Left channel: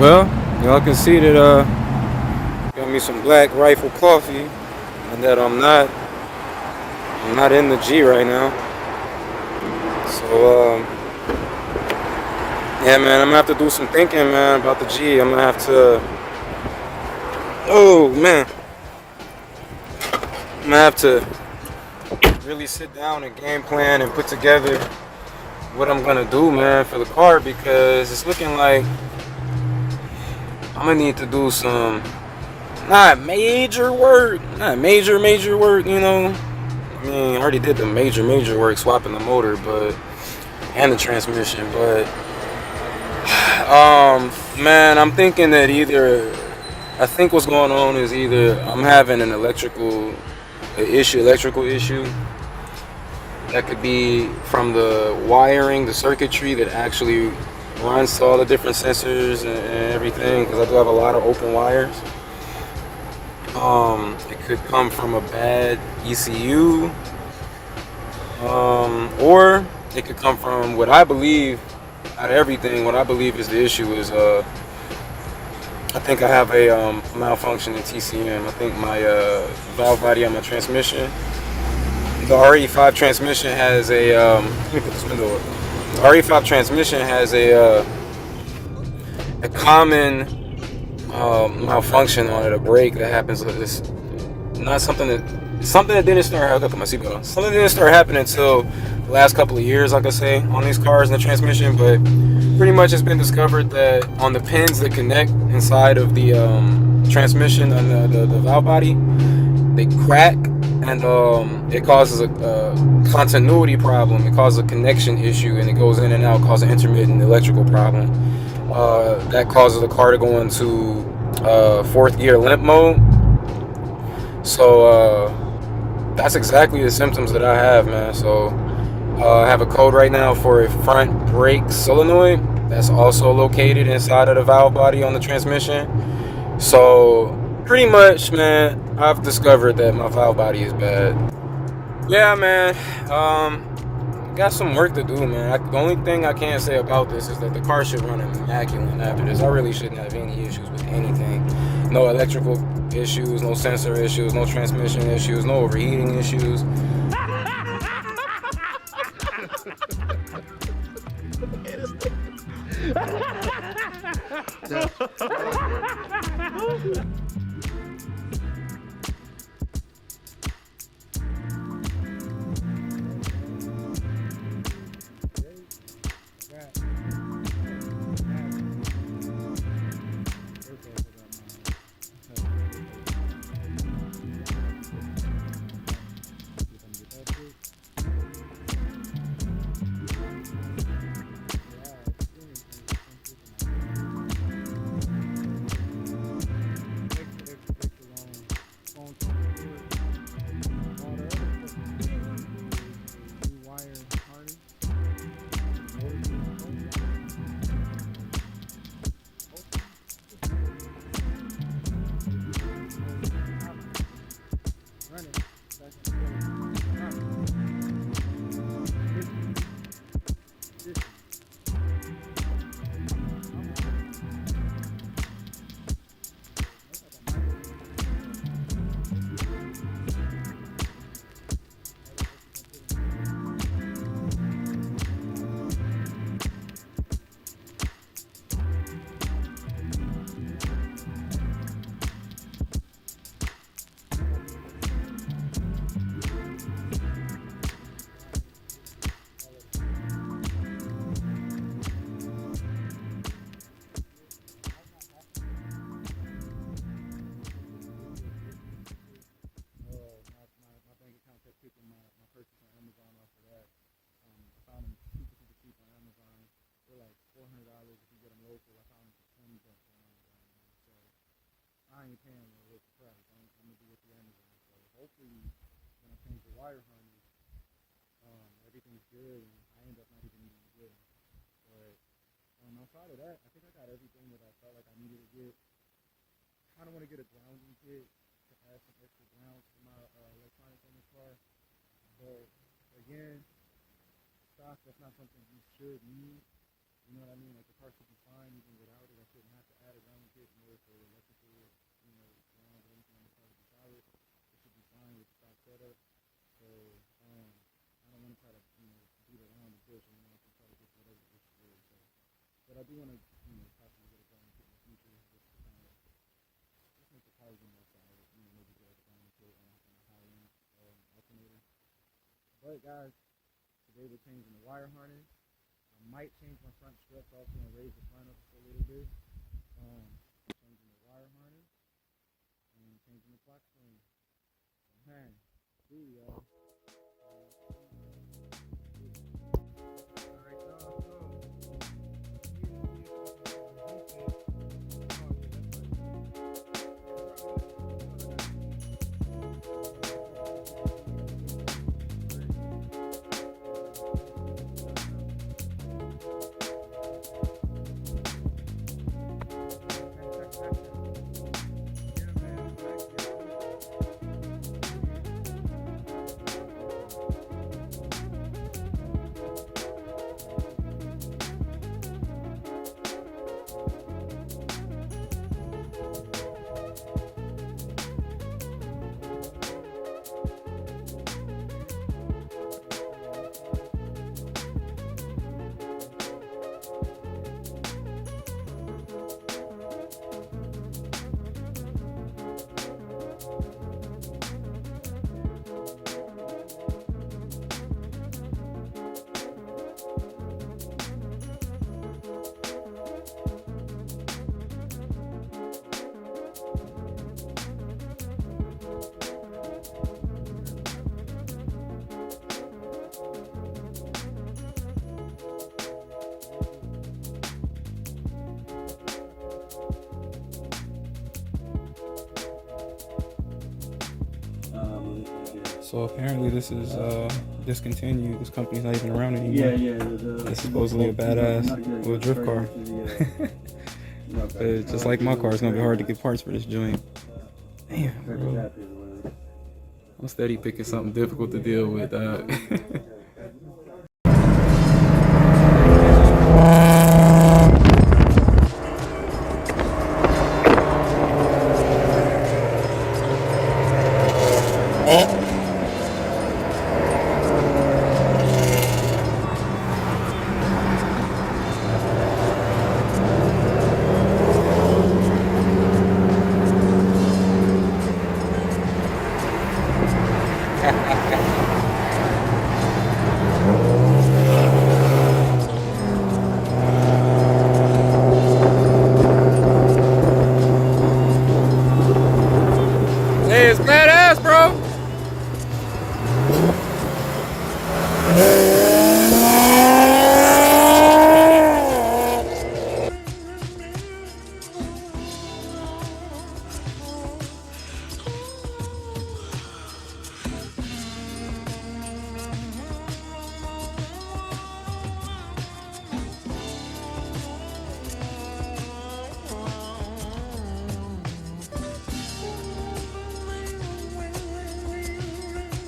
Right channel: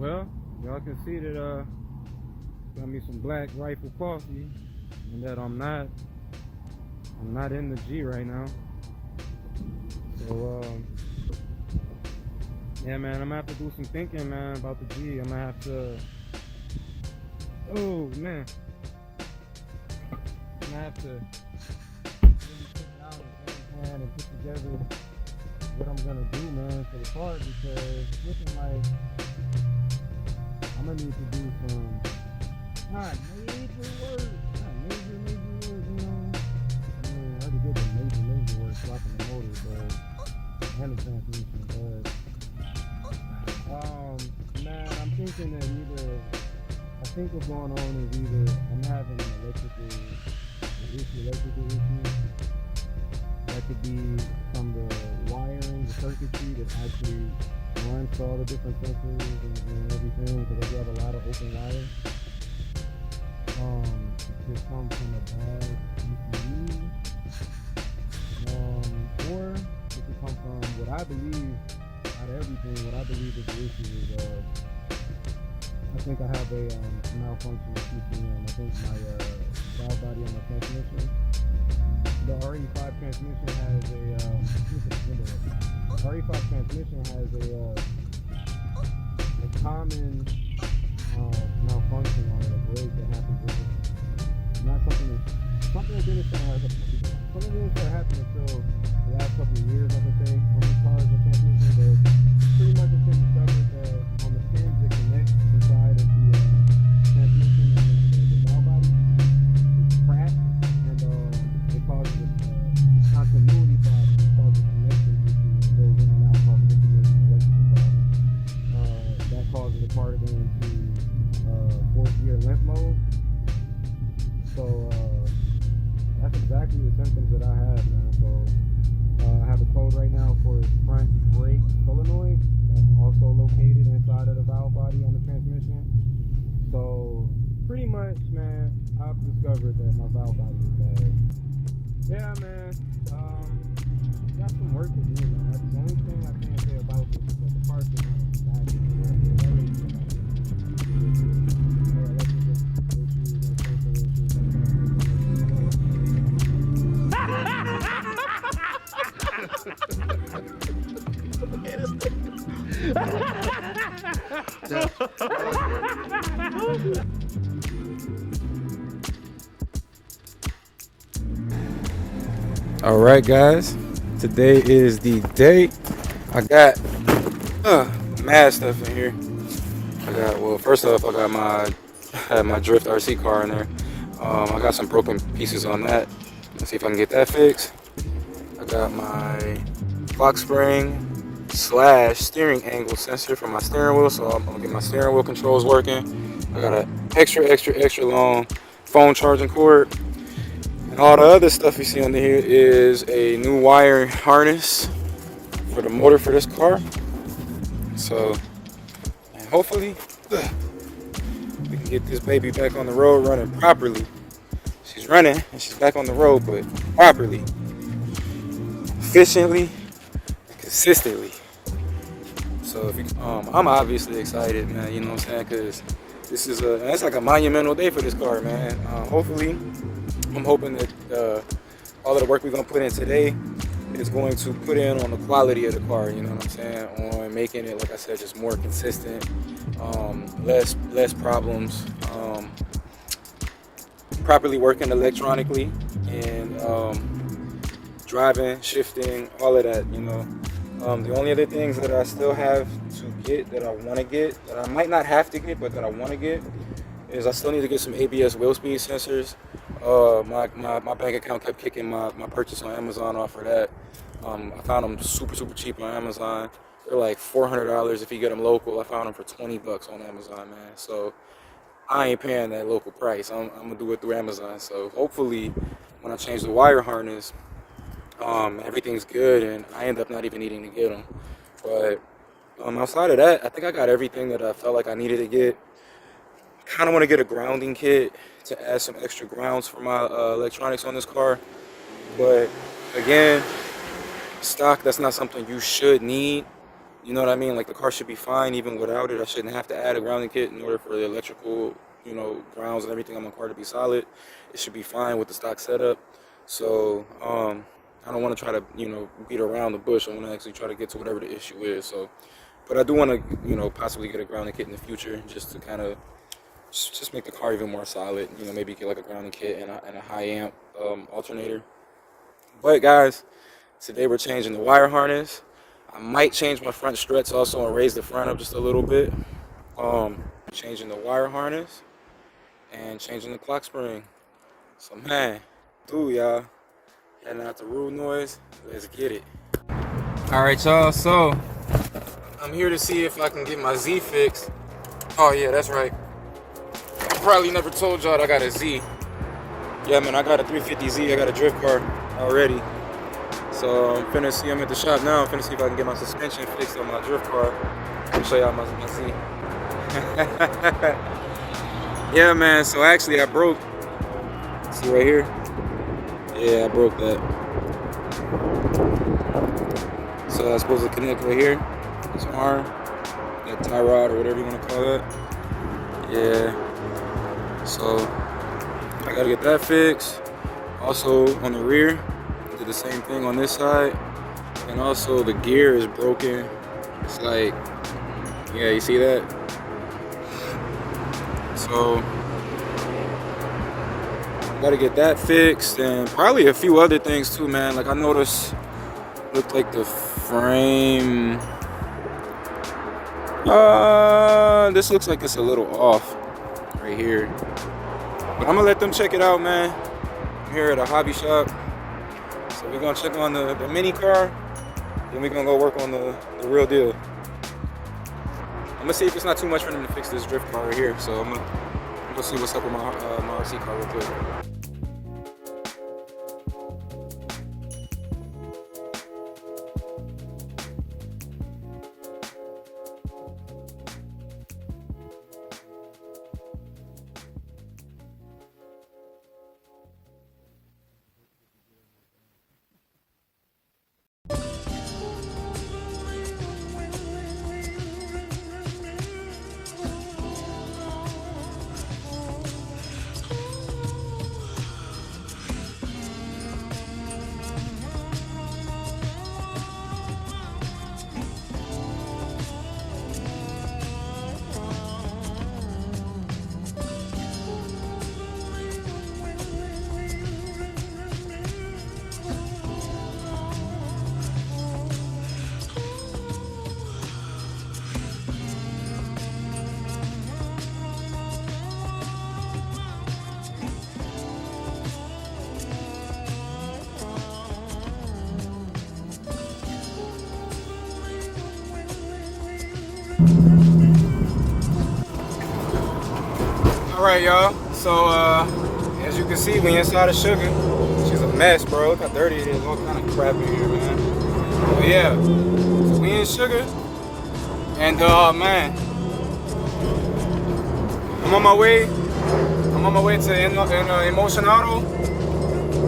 Well, y'all can see that got me some Black Rifle coffee, and that I'm not in the G right now. So yeah, man, I'm gonna have to do some thinking, man, about the G. I'm gonna have to. Oh man, I'm gonna have to really sit down and game plan and put together what I'm gonna do, man, for the car, because it's looking like I'm gonna need to do some not major work, you know. I mean, I already did the major work, swapping the motor, and the transmission, but man, I'm thinking that I think what's going on is either I'm having an electrical issue that could be from the wiring, the circuitry that actually runs to all the different sensors and everything, because I do have a lot of open wires. It could come from a bad ECU, or it could come from what I believe, out of everything, what I believe is the issue is, I think I have a malfunction in TCM. I think my valve body on my transmission, the RE5 transmission has a, let me put this window up. The RE5 transmission has a common malfunction on it, a break that happens with this. Not something that didn't start. Look at my seatbelt on. Something that didn't start happening until the last couple of years, like I say, on these cars and the transmission. But pretty much it's been discovered that on the pins that connect inside of the transmission and the valve body, they crack, and it causes a continuity problem. It causes a connection issue, and it goes in and out, causes an intermittent electrical problem. That causes the car to go into fourth gear limp mode. So that's exactly the symptoms that I have, man. So I have a code right now for a front brake solenoid that's also located inside of the valve body on the transmission. So pretty much, man, I've discovered that my valve body is bad. Yeah, man, got some work to do, man. The only thing I can say about this is that the car should run immaculate after this. I really shouldn't have any issues with anything. No electrical issues, no sensor issues, no transmission issues, no overheating issues. All right, guys. Today is the day. I got mad stuff in here. First off, I got my Drift RC car in there. I got some broken pieces on that. Let's see if I can get that fixed. I got my lock spring / steering angle sensor for my steering wheel, so I'm gonna get my steering wheel controls working. I got an extra long phone charging cord. And all the other stuff you see under here is a new wire harness for the motor for this car. So, and hopefully, we can get this baby back on the road running properly. She's running and she's back on the road, but properly, efficiently, and consistently. So if you, I'm obviously excited, man. You know what I'm saying? Because this is that's like a monumental day for this car, man. Hopefully, I'm hoping that all of the work we're gonna put in today is going to put in on the quality of the car. You know what I'm saying? On making it, like I said, just more consistent, less problems, properly working electronically, and driving, shifting, all of that. You know, the only other things that I still have to get, that I want to get, that I might not have to get, but that I want to get, is I still need to get some ABS wheel speed sensors. My bank account kept kicking my purchase on Amazon off for that. I found them super cheap on Amazon. They're like $400 if you get them local. I found them for $20 on Amazon, man. So I ain't paying that local price. I'm gonna do it through Amazon. So hopefully, when I change the wire harness, everything's good, and I end up not even needing to get them. But outside of that, I think I got everything that I felt like I needed to get. Kind of want to get a grounding kit to add some extra grounds for my electronics on this car. But again, stock, that's not something you should need. You know what I mean? Like the car should be fine even without it. I shouldn't have to add a grounding kit in order for the electrical, you know, grounds and everything on my car to be solid. It should be fine with the stock setup. So I don't want to try to, you know, beat around the bush. I want to actually try to get to whatever the issue is. So, but I do want to, you know, possibly get a grounding kit in the future just to kind of just make the car even more solid. You know, maybe get like a grounding kit and a high amp alternator. But guys, today we're changing the wire harness. I might change my front struts also and raise the front up just a little bit. Changing the wire harness and changing the clock spring. So man, dude, y'all, heading out to Rude Noise. Let's get it. All right, y'all. So I'm here to see if I can get my Z fixed. Oh yeah, that's right. I probably never told y'all I got a Z. Yeah, man, I got a 350Z. I got a drift car already. So I'm finna see, I'm at the shop now. I'm finna see if I can get my suspension fixed on my drift car. Let me show y'all my Z. Yeah, man, so actually I broke, see right here? Yeah, I broke that. So I was supposed to connect right here, this arm, that tie rod or whatever you want to call that. Yeah, so I gotta get that fixed. Also on the rear, did the same thing on this side. And also the gear is broken. It's like, yeah, you see that? So gotta get that fixed and probably a few other things too, man. Like I noticed, looked like the frame. This looks like it's a little off right here. But I'm gonna let them check it out, man. I'm here at a hobby shop. So we're gonna check on the mini car. Then we're gonna go work on the real deal. I'm gonna see if it's not too much for them to fix this drift car right here. So I'm gonna go see what's up with my RC car real quick. So apparently this is discontinued. This company's not even around anymore. Yeah. It's supposedly a badass little drift car. But just like my car, it's gonna be hard to get parts for this joint. Damn, bro. I'm steady picking something difficult to deal with. Hey, it's badass, bro. All right, y'all. So, as you can see, we inside of Sugar. She's a mess, bro. Look how dirty it is. All kind of crap in here, man. But yeah, so we in Sugar, and man, I'm on my way to Emotion Auto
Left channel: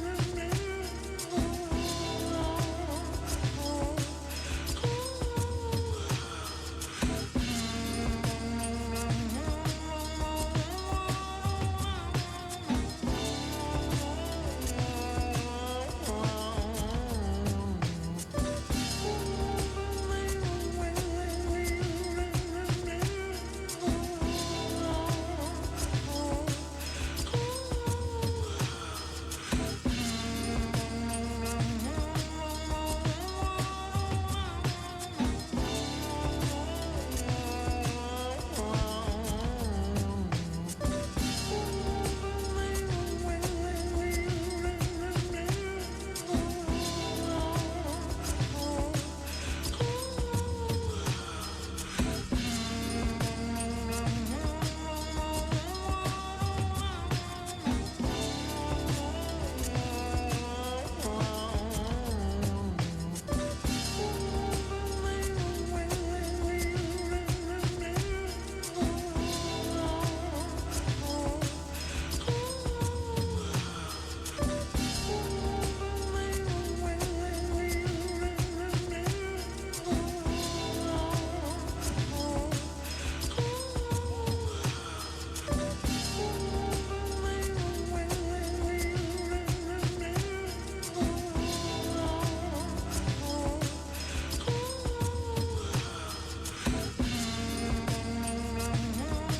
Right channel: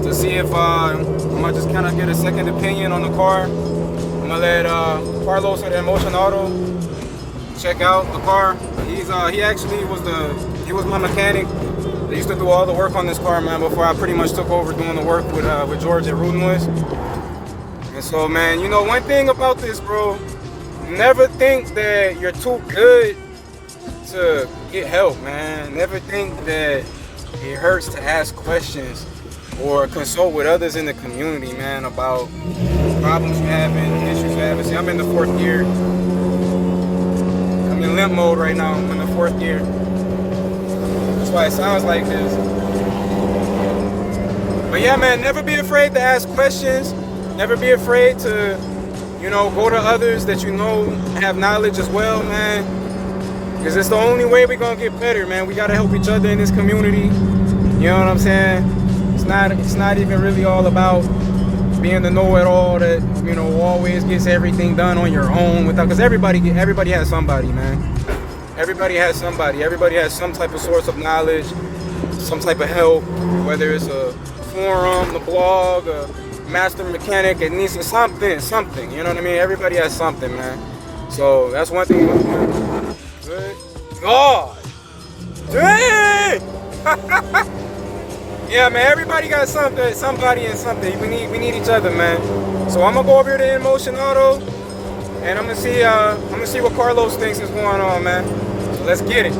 to see if I'm gonna just kind of get a second opinion on the car. I'm gonna let Carlos at Emotion Auto check out the car. He actually was my mechanic. They used to do all the work on this car, man, before I pretty much took over doing the work with George at Rude Noise. And so, man, you know, one thing about this, bro, never think that you're too good to get help, man. Never think that it hurts to ask questions or consult with others in the community, man, about problems you're having, issues you're having. See, I'm in the 4th gear. I'm in limp mode right now. I'm in the 4th gear. That's why it sounds like this. But yeah, man, never be afraid to ask questions. Never be afraid to, you know, go to others that you know have knowledge as well, man. Because it's the only way we're gonna get better, man. We gotta help each other in this community. You know what I'm saying? It's not even really all about being the know-it-all that, you know, always gets everything done on your own. Because everybody has somebody, man. Everybody has somebody. Everybody has some type of source of knowledge, some type of help, whether it's a forum, a blog, a master mechanic, it needs something. You know what I mean? Everybody has something, man. So that's one thing. Oh, dang! Yeah, man. Everybody got something, somebody and something. We need each other, man. So I'm gonna go over here to In Motion Auto, and I'm gonna see what Carlos thinks is going on, man. So let's get it.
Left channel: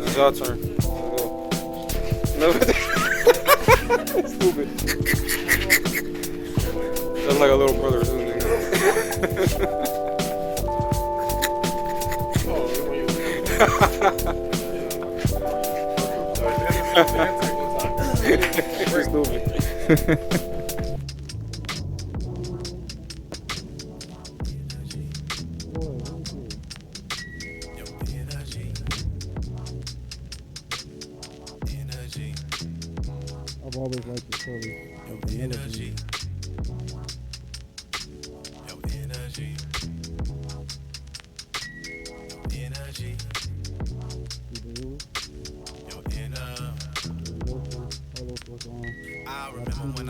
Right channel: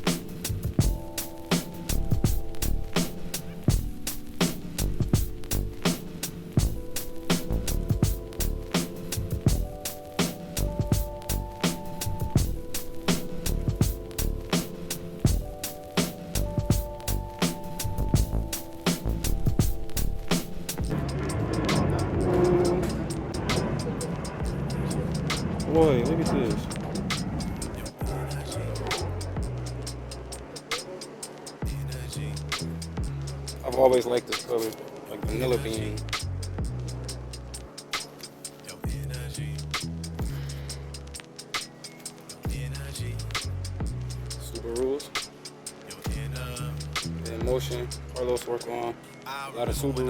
It's your turn. Stupid. That's like a little brother or something. Stupid. Boy, look at this. I've always liked this color, like vanilla bean. Subarus. In Motion. Carlos work on a lot of Subarus.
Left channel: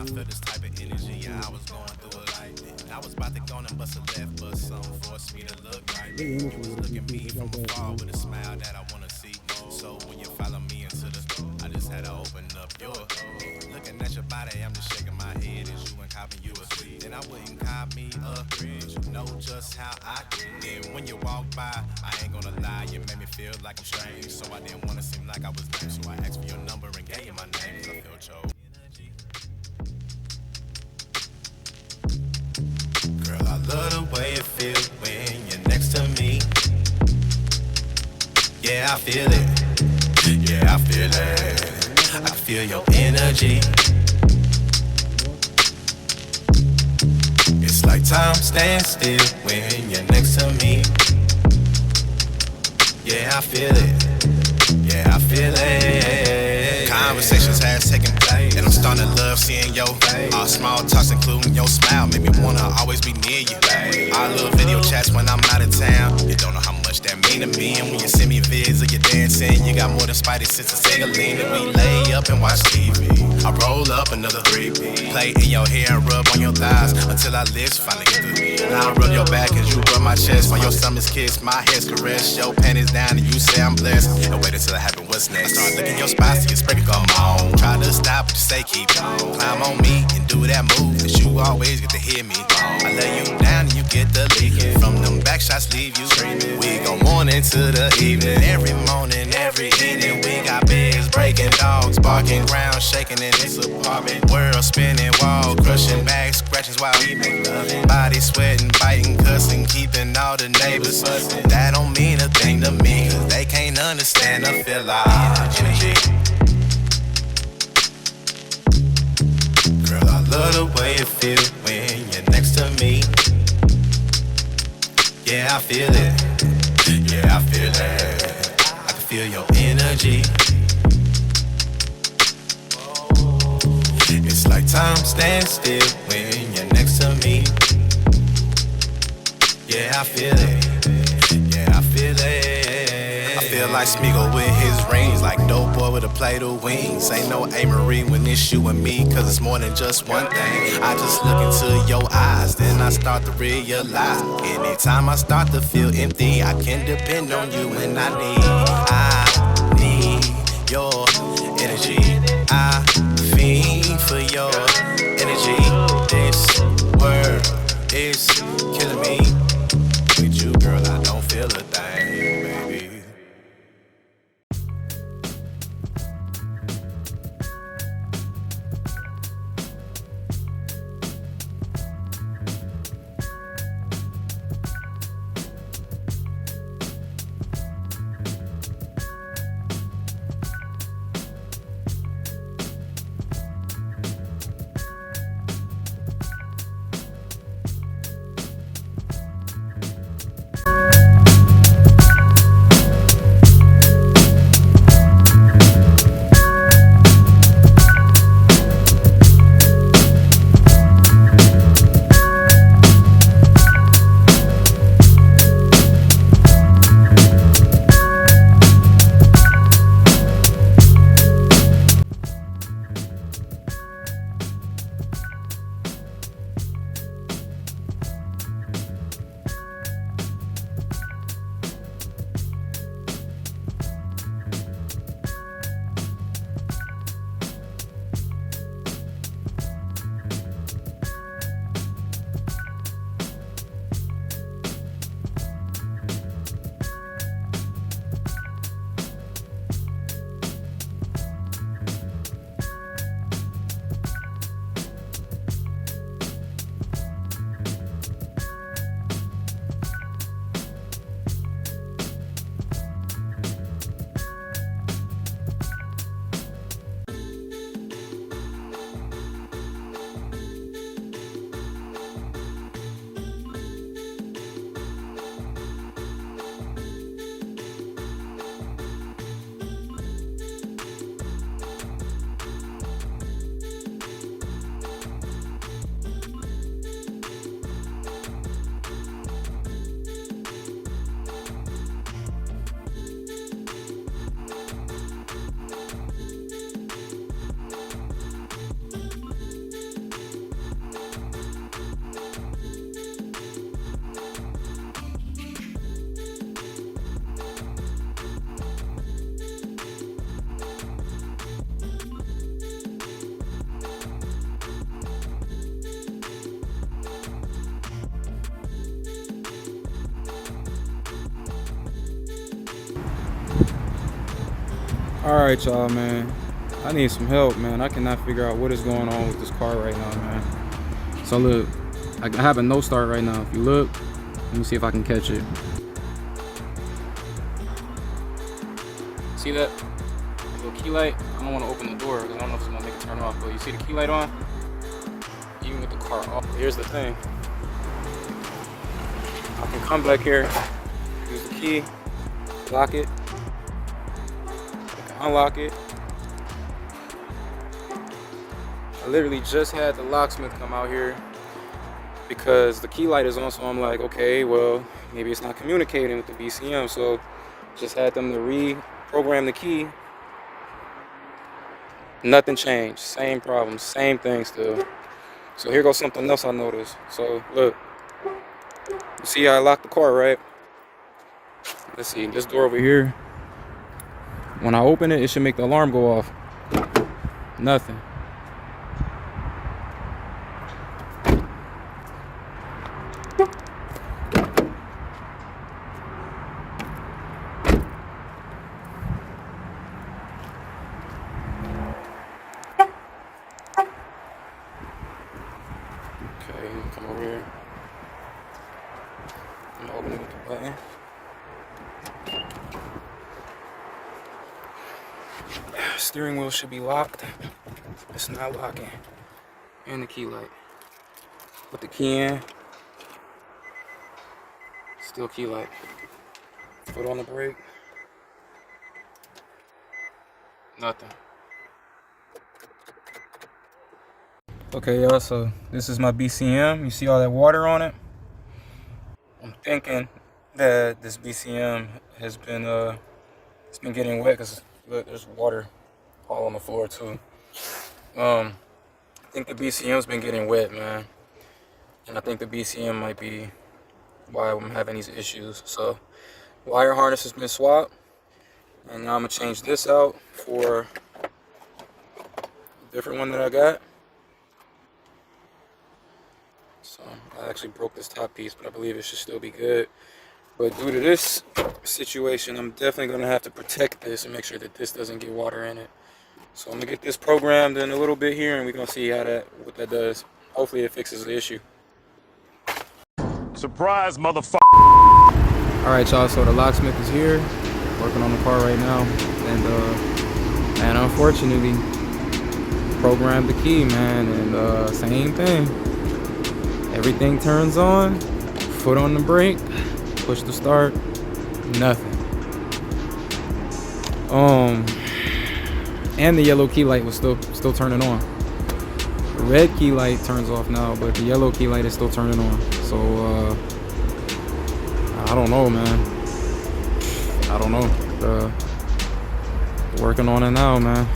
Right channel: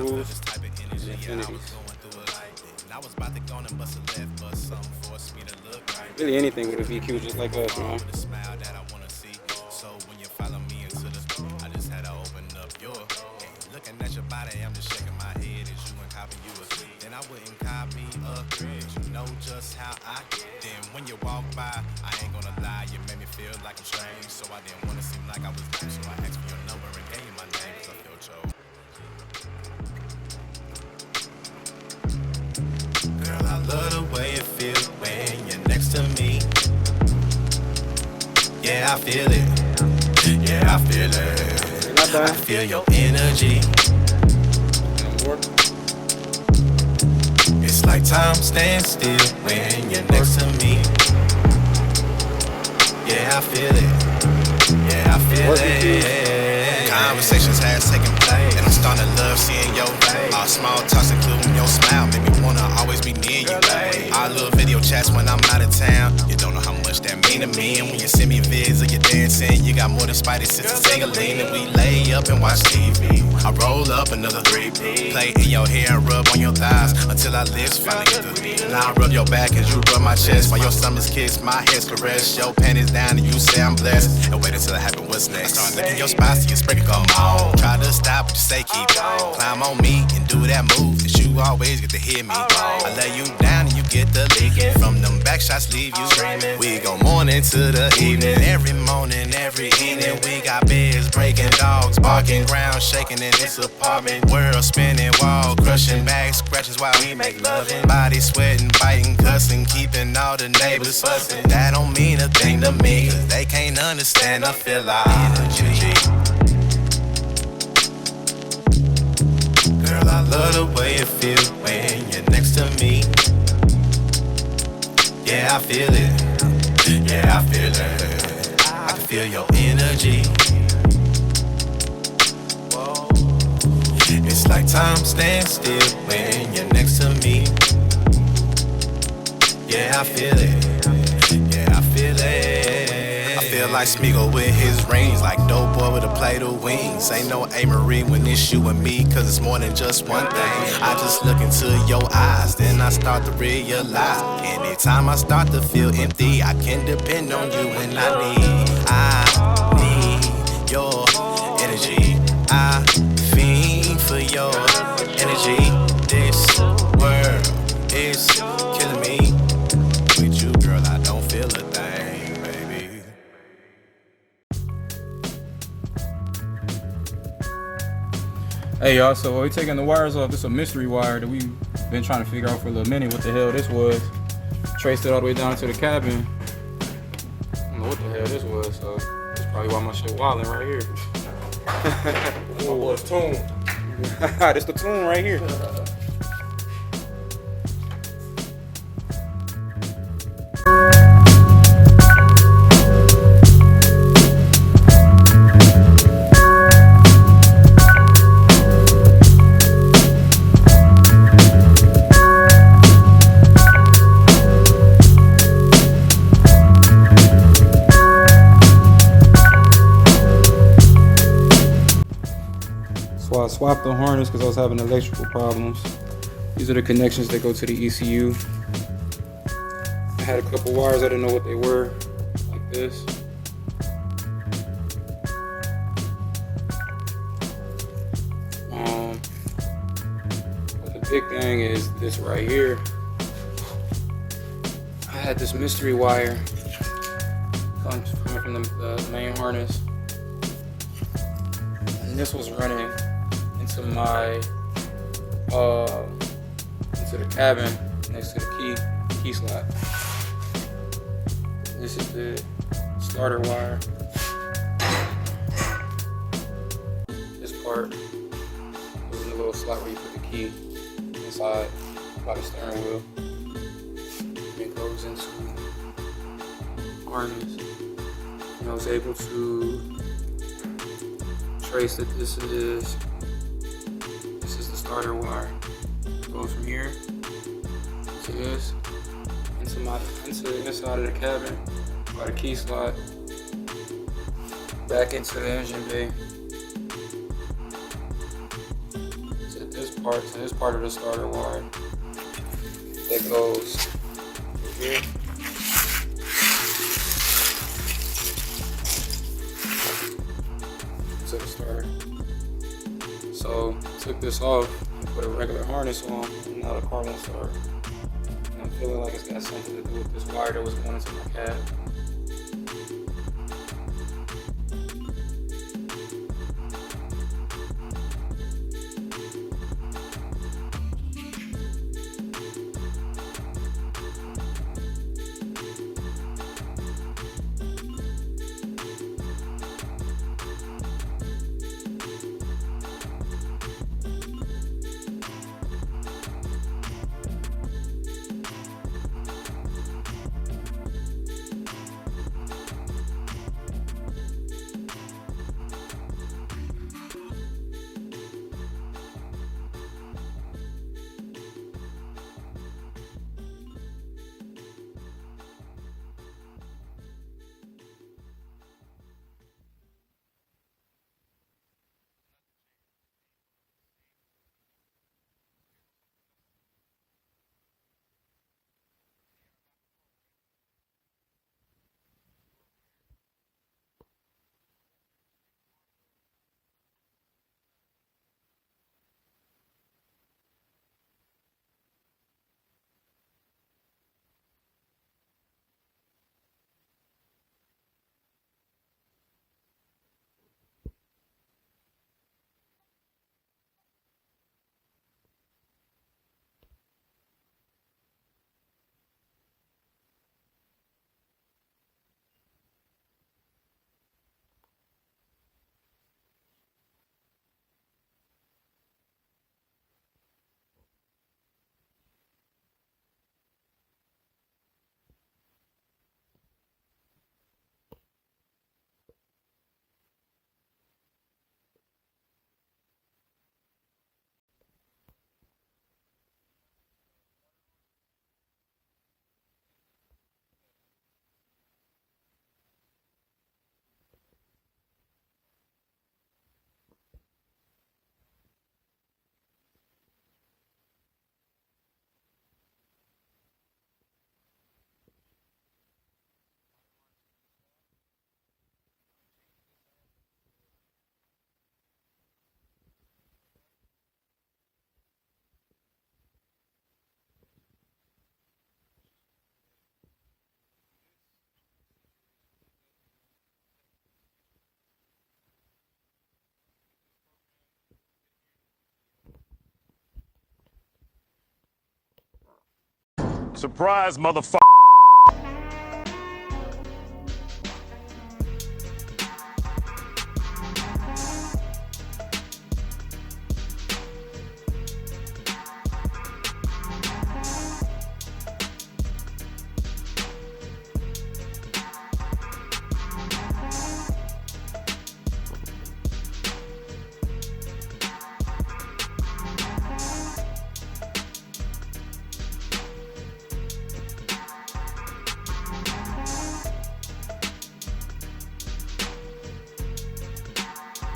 I was about to go and bust a left, but something forced me to look right. Really anything with a VQ just like us, man. With a smile that I wanna see. So when you follow me into the I just had to open up your looking at your body, I'm just shaking my head as you and copying you a sweet. Then I wouldn't copy a but you know just how I get. Then when you walk by, I ain't gonna lie, you made me feel like I'm strange. So I didn't wanna seem like I was lame. So I asked for your number and gave you my name, cause I felt your girl, I love the way it feels when you're next to me. Yeah, I feel it. Yeah, I feel it. I feel your energy. It's like time stands still when you're next to me. Yeah, I feel it. Yeah, I feel it. Conversations has taken place, and I'm starting to love seeing your face. Our small talks, including your smile, make me wanna always be near you, babe. Our little video chats when I'm out of town. You don't know how much that mean to me. And when you send me vids of you dancing, you got more than Spidey senses. Take a lean and we lay up and watch TV. I roll up another 3P, play in your hair and rub on your thighs until our lips finally get to me. Now I rub your back as you rub my chest while your stomach's kiss, my head's caress. Your panties down and you say I'm blessed. And wait until it happen, what's next? I start licking your spots till you spread it, come on. Try to stop, but you say keep on. Climb on me and do that move that you always get to hear me. I lay you down and you get the leaking. From them back shots leave you screaming. We go morning to the evening. Every morning, every evening. We got beds breaking, dogs barking, ground shaking in this apartment. World spinning, wall crushing, back scratches while we make loving. Body sweating, biting, cussing, keeping all the neighbors fussing. That don't mean a thing to me, cause they can't understand. I feel like energy. Girl, I love the way it feels when you're next to me. Yeah, I feel it. Yeah, I feel it. I can feel your energy. It's like time stands still when you're next to me. Yeah, I feel it. Yeah, I feel it. I feel like Smeagol with his rings, like dope boy with a plate of wings. Ain't no A. Marie when it's you and me, cause it's more than just one thing. I just look into your eyes, then I start to realize. Anytime I start to feel empty, I can depend on you when I need your energy. I fiend for your energy. This world is killing me. With you, girl, I don't feel a thing, baby. Hey y'all, so we're taking the wires off. This is a mystery wire that we've been trying to figure out for a little minute what the hell this was. Traced it all the way down to the cabin. I don't know what the hell this was, so that's probably why my shit wilding right here. Oh, it's tune. This the tune right here. So I swapped the harness because I was having electrical problems. These are the connections that go to the ECU. I had a couple wires, I didn't know what they were, like this. The big thing is this right here. I had this mystery wire coming from the main harness, and this was running into my into the cabin next to the key slot. This is the starter wire. This part is the little slot where you put the key inside by the steering wheel. It goes into the harness. And I was able to trace that this is the starter wire. It goes from here to this, into this side of the cabin by the key slot, back into the engine bay. To this part of the starter wire that goes here. To the starter. So took this off, put a regular harness on, and now the car won't start. And I'm feeling like it's got something to do with this wire that was going into my cab. Alright y'all, man. I need some help, man. I cannot figure out what is going on with this car right now, man. So look, I have a no start right now. If you look, let me see if I can catch it. See that little key light? I don't want to open the door because I don't know if it's gonna make it turn off. But you see the key light on? Even with the car off. Here's the thing. I can come back here, use the key, lock it, unlock it. I literally just had the locksmith come out here because the key light is on, so I'm like, okay, well, maybe it's not communicating with the BCM, so just had them to reprogram the key. Nothing changed, same problem, same thing still. So here goes something else I noticed. So look, you see how I locked the car, right? Let's see, this door over here, when I open it, it should make the alarm go off. Nothing. Come over here. I'm gonna open it with the button. Steering wheel should be locked. It's not locking. And the key light. Put the key in. Still key light. Foot on the brake. Nothing. Okay, y'all, so this is my BCM. You see all that water on it? I'm thinking that this BCM has been it's been getting wet because look, there's water all on the floor too. I think the BCM's been getting wet, man, and I think the BCM might be why I'm having these issues. So wire harness has been swapped, and now I'm gonna change this out for a different one that I got. So I actually broke this top piece, but I believe it should still be good. But due to this situation, I'm definitely gonna have to protect this and make sure that this doesn't get water in it. So I'm gonna get this programmed in a little bit here, and we're gonna see how what that does. Hopefully it fixes the issue. Surprise, motherfucker! All right, y'all. So the locksmith is here, working on the car right now, and unfortunately, programmed the key, man, and same thing. Everything turns on, foot on the brake, push the start, nothing. And the yellow key light was still turning on. The red key light turns off now, but the yellow key light is still turning on. So I don't know, man. I don't know. Working on it now, man.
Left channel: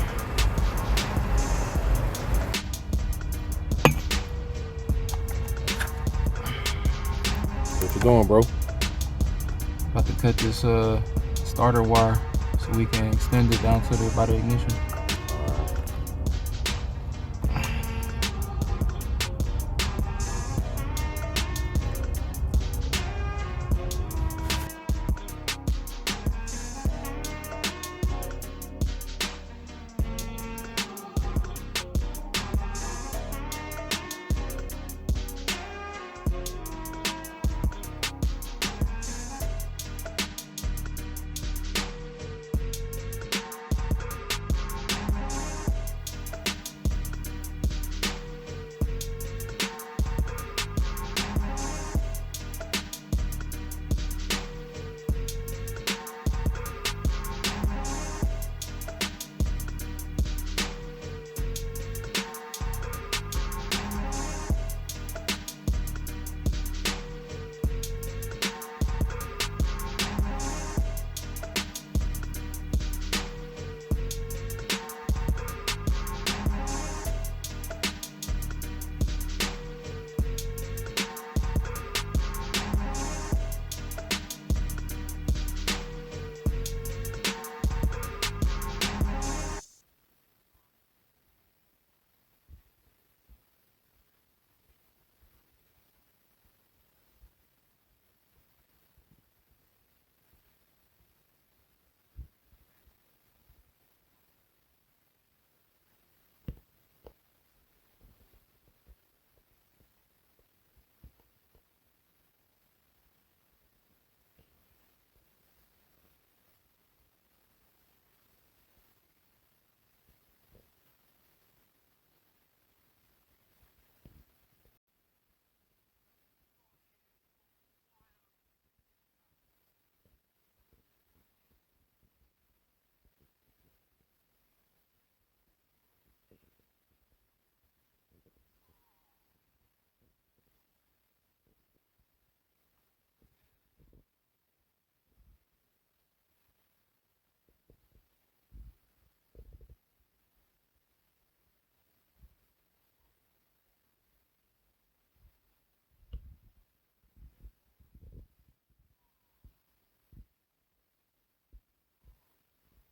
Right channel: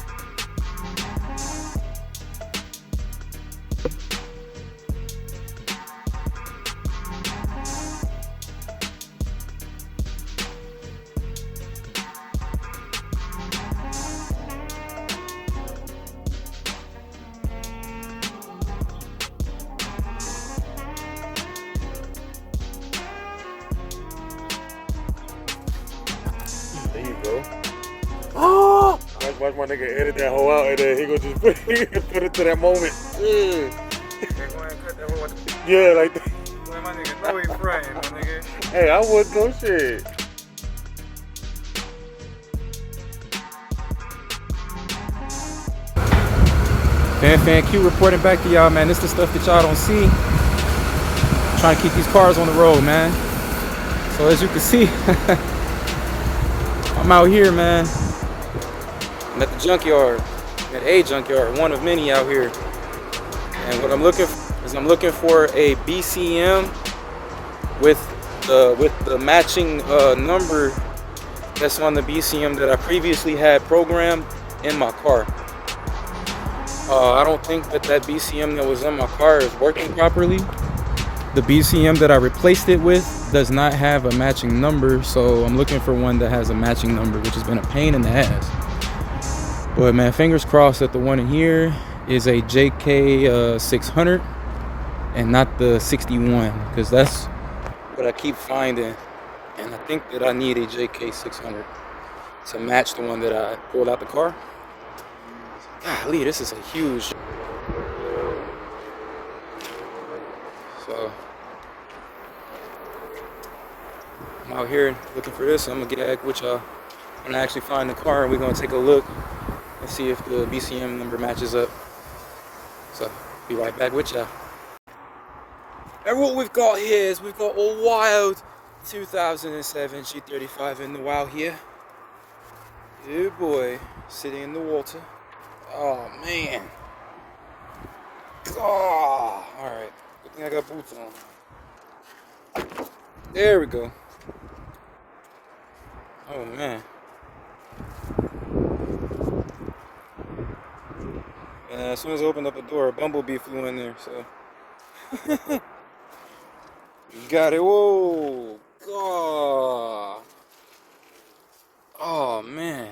doing, bro? About to cut this starter wire so we can extend it down to the body ignition. There you go. Oh! Watch my nigga edit that whole out and then he gonna just put it to that moment. Yeah, like that. My nigga know he's frying, my nigga. Hey, I would go shit. Fan Q reporting back to y'all, man. This is the stuff that y'all don't see. Trying to keep these cars on the road, man. So as you can see, I'm out here, man. I'm at the junkyard, at a junkyard, one of many out here. And what I'm looking for is I'm looking for a BCM with the matching number that's on the BCM that I previously had programmed in my car. I don't think that BCM that was in my car is working properly. The BCM that I replaced it with does not have a matching number, so I'm looking for one that has a matching number, which has been a pain in the ass. But man, fingers crossed that the one in here is a JK 600 and not the 61, because that's what I keep finding. And I think that I need a JK 600 to match the one that I pulled out the car. Golly, this is a huge. So I'm out here looking for this. I'm gonna get back with y'all when I actually find the car, and we're gonna take a look and see if the BCM number matches up. So be right back with y'all. And what we've got here is we've got a wild 2007 G35 in the wild here. Yeah, boy, sitting in the water. Oh man. Oh, alright. Good thing I got boots on. There we go. Oh man. And as soon as I opened up the door, a bumblebee flew in there, so. Got it. Whoa. God. Oh man.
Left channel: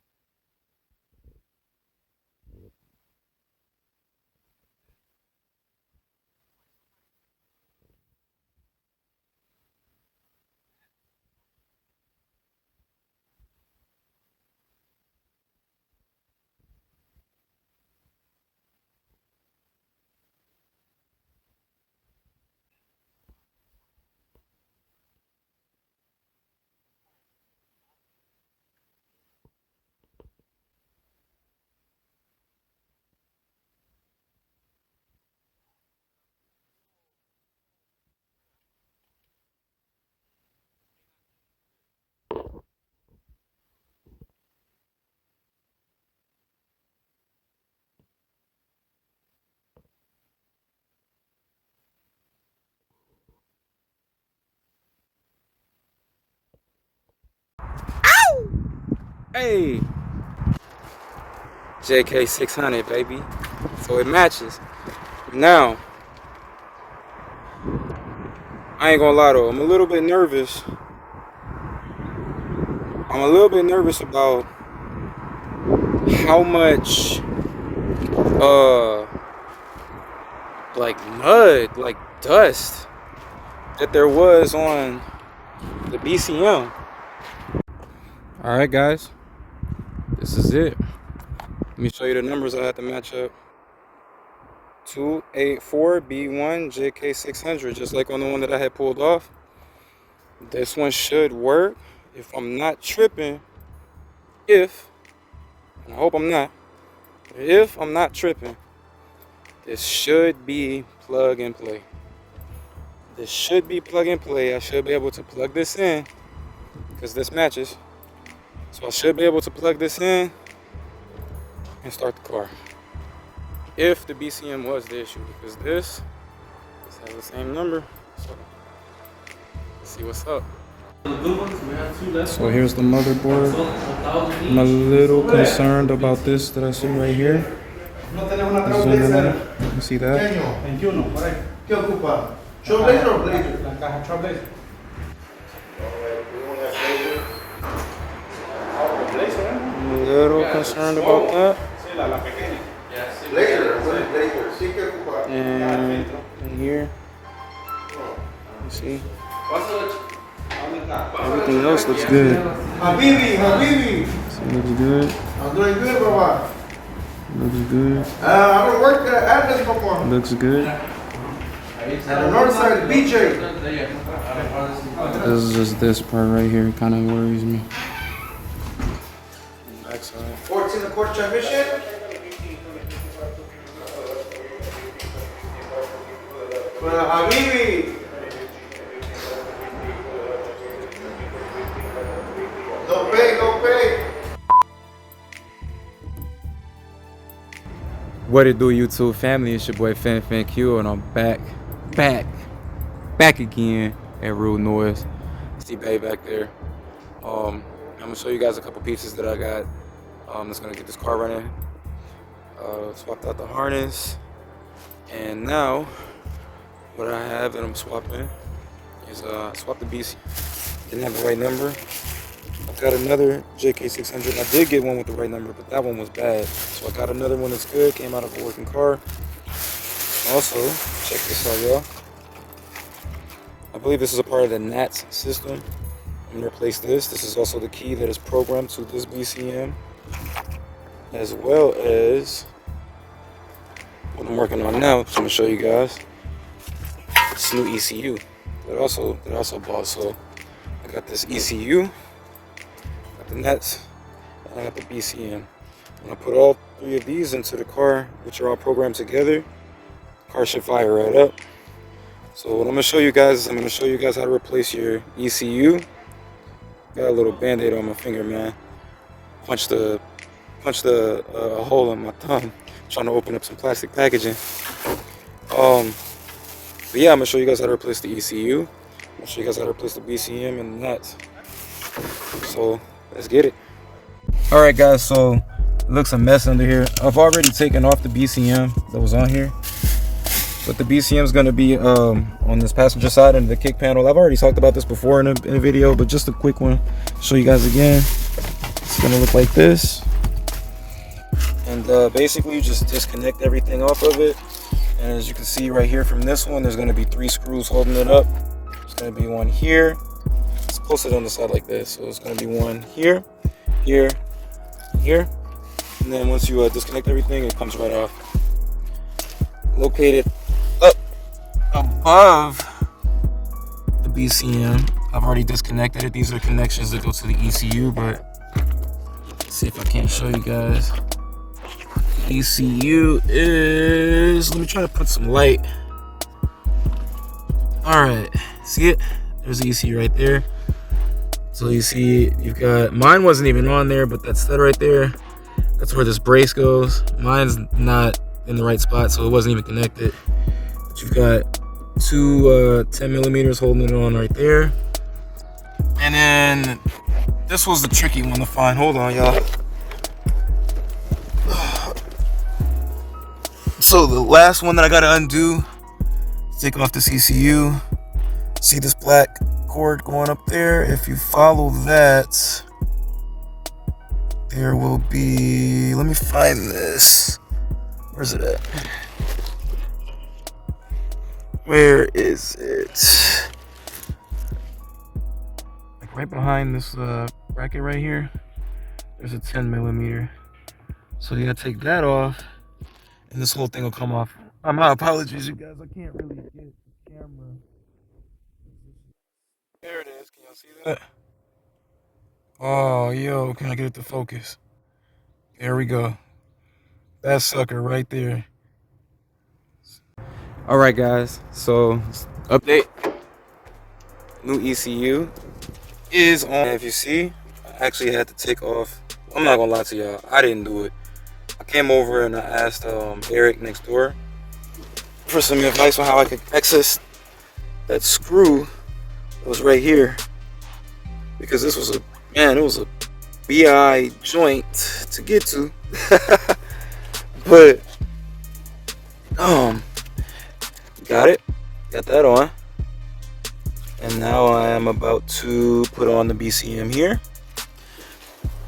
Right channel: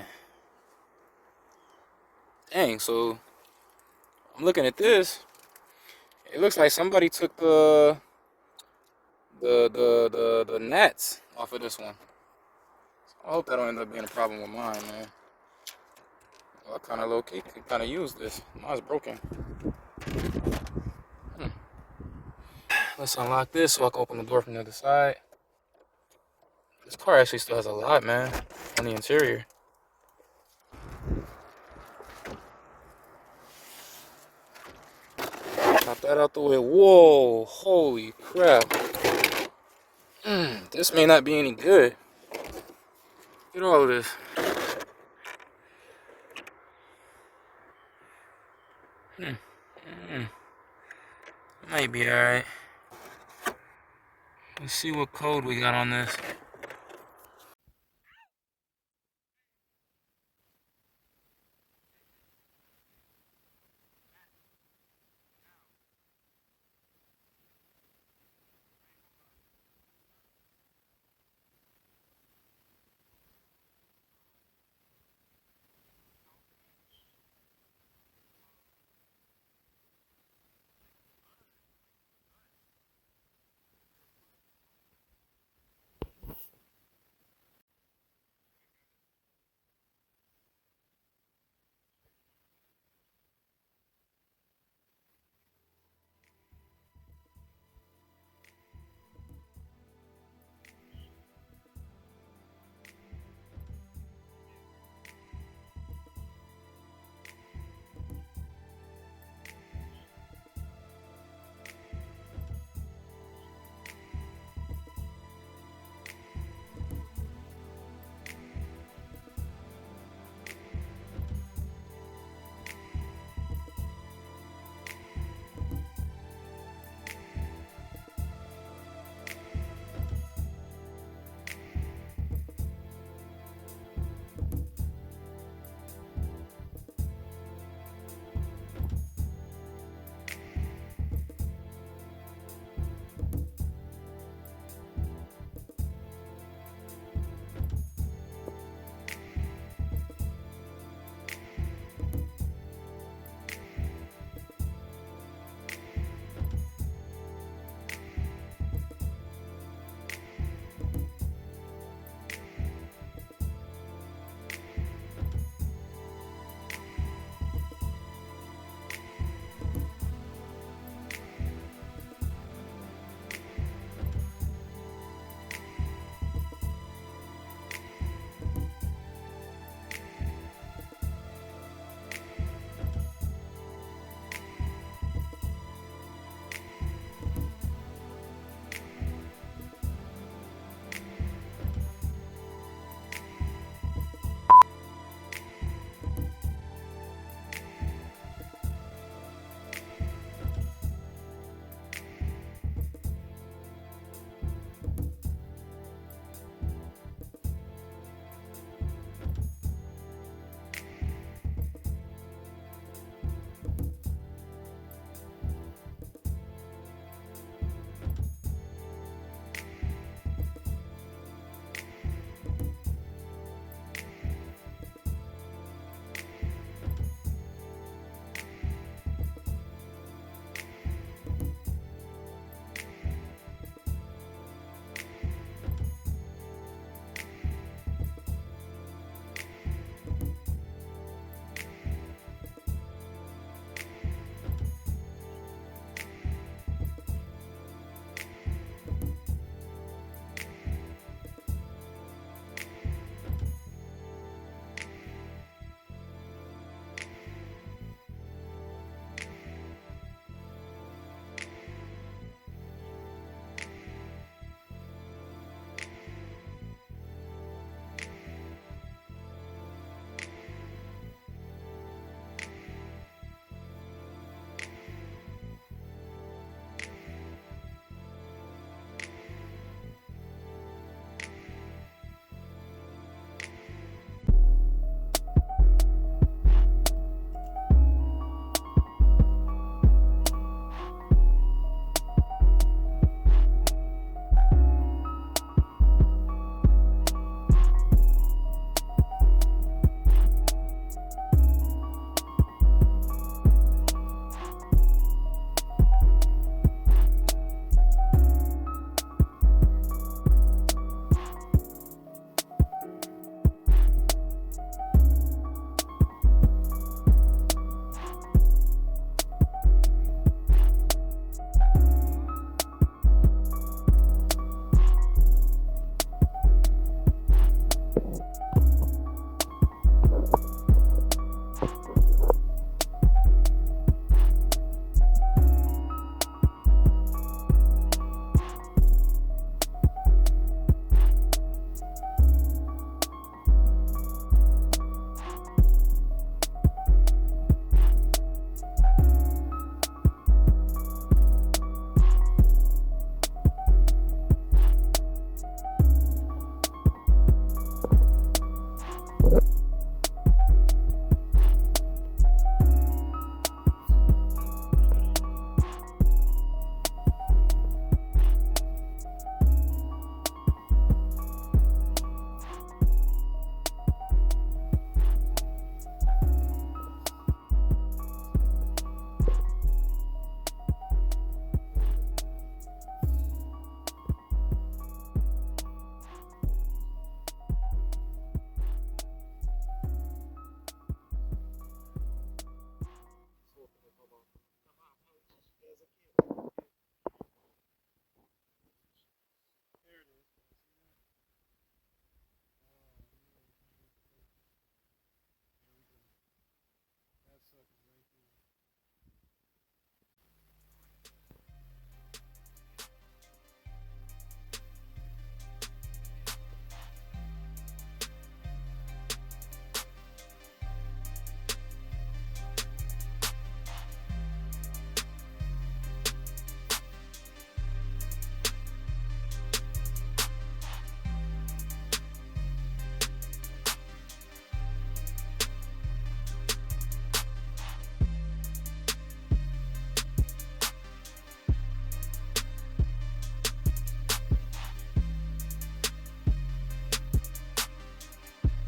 Dang, so I'm looking at this. It looks like somebody took the NATS off of this one. So I hope that don't end up being a problem with mine, man. Well, I kind of low-key could kind of use this. Mine's broken. Let's unlock this so I can open the door from the other side. This car actually still has a lot, man, on the interior. Pop that out the way. Whoa, holy crap. This may not be any good. Look at all of this. Might be alright. Let's see what code we got on this. Ow! Hey! JK 600, baby. So it matches. Now, I ain't gonna lie though, I'm a little bit nervous. I'm a little bit nervous about how much, like mud, like dust that there was on the BCM. Alright guys, this is it. Let me show you the numbers I had to match up. 284B1 JK600, just like on the one that I had pulled off. This one should work if I'm not tripping. And I hope I'm not. If I'm not tripping, this should be plug and play. This should be plug and play. I should be able to plug this in because this matches. So I should be able to plug this in and start the car. If the BCM was the issue, because this has the same number. So let's see what's up. So here's the motherboard. I'm a little concerned about this that I see right here. You see that? little concerned about that. And in here, you see, everything else looks good. Habibi. So it looks good. I'm doing good, Baba. Looks good. I don't work at address no more. Looks good. At the north side, BJ. This is just this part right here kind of worries me. 14 and quarter transmission. Well, Habibi. Don't pay. What it do, YouTube family? It's your boy Fin Q, and I'm back again at Real Noise. See Bay back there. I'm gonna show you guys a couple pieces that I got. That's gonna get this car running. Swapped out the harness, and now what I have that I'm swapping is swap the BC. Didn't have the right number. I've got another JK600. I did get one with the right number, but that one was bad. So I got another one that's good. Came out of a working car. Also, check this out, y'all. I believe this is a part of the NATS system. I'm gonna replace this. This is also the key that is programmed to this BCM, as well as what I'm working on now. So I'm gonna show you guys this new ECU that I also bought. So I got this ECU, got the NATS, and I got the BCM. And I put all three of these into the car, which are all programmed together. The car should fire right up. So what I'm gonna show you guys is I'm gonna show you guys how to replace your ECU. Got a little band-aid on my finger, man. Punched a hole in my thumb trying to open up some plastic packaging. But yeah, I'm gonna show you guys how to replace the ECU. I'm gonna show you guys how to replace the BCM and the NATS. So let's get it. All right, guys. So it looks a mess under here. I've already taken off the BCM that was on here, but the BCM is gonna be on this passenger side under the kick panel. I've already talked about this before in a video, but just a quick one. Show you guys again. It's gonna look like this. And basically you just disconnect everything off of it. And as you can see right here from this one, there's gonna be 3 screws holding it up. There's gonna be one here. It's posted on the side like this. So it's gonna be one here, here, here. And then once you disconnect everything, it comes right off. Located up above the BCM. I've already disconnected it. These are connections that go to the ECU, but let's see if I can't show you guys. ECU is, let me try to put some light. All right, see it? There's the ECU right there. So you see, you've got, mine wasn't even on there, but that stud right there, that's where this brace goes. Mine's not in the right spot, so it wasn't even connected. But you've got 2 10 millimeters holding it on right there. And then this was the tricky one to find. Hold on, y'all. So the last one that I gotta undo, take off this ECU. See this black cord going up there? If you follow that, there will be, let me find this. Where's it at? Where is it? Like right behind this bracket right here, there's a 10 millimeter. So you gotta take that off, and this whole thing will come off. My apologies, you guys. I can't really get the camera. There it is. Can y'all see that? Oh, yo, can I get it to focus? There we go. That sucker right there. All right, guys. So, update. New ECU is on. If you see, I actually had to take off. I'm not gonna lie to y'all. I didn't do it. I came over and I asked Eric next door for some advice on how I could access that screw that was right here, because this was it was a BI joint to get to. But got that on, and now I am about to put on the BCM here.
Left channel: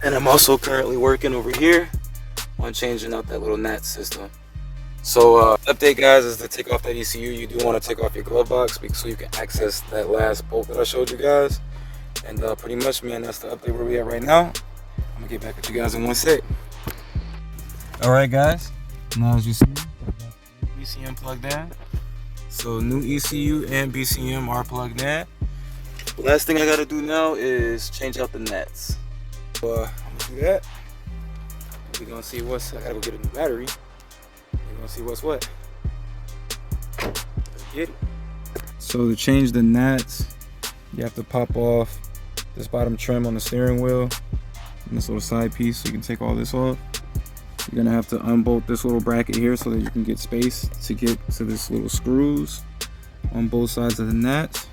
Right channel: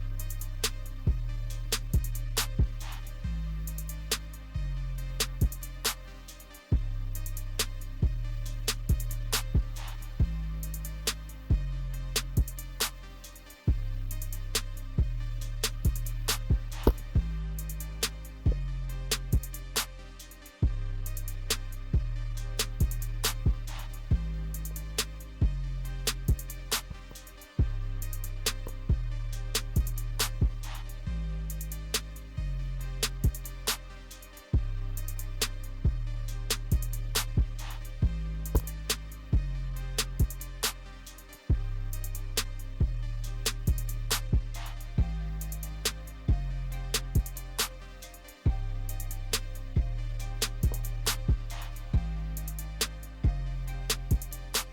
And I'm also currently working over here on changing out that little NATS system. So update guys is to take off that ECU. You do want to take off your glove box so you can access that last bolt that I showed you guys. And pretty much, man, that's the update where we at right now. I'm gonna get back with you guys in one sec. All right, guys. Now as you see, BCM plugged in. So new ECU and BCM are plugged in. The last thing I gotta do now is change out the NATS. So I'm gonna do that. We're gonna see what's. I gotta go get a new battery. We're gonna see what's what. Let's get it. So to change the NATS, you have to pop off this bottom trim on the steering wheel and this little side piece, so you can take all this off. You're gonna have to unbolt this little bracket here so that you can get space to get to this little screws on both sides of the NATS.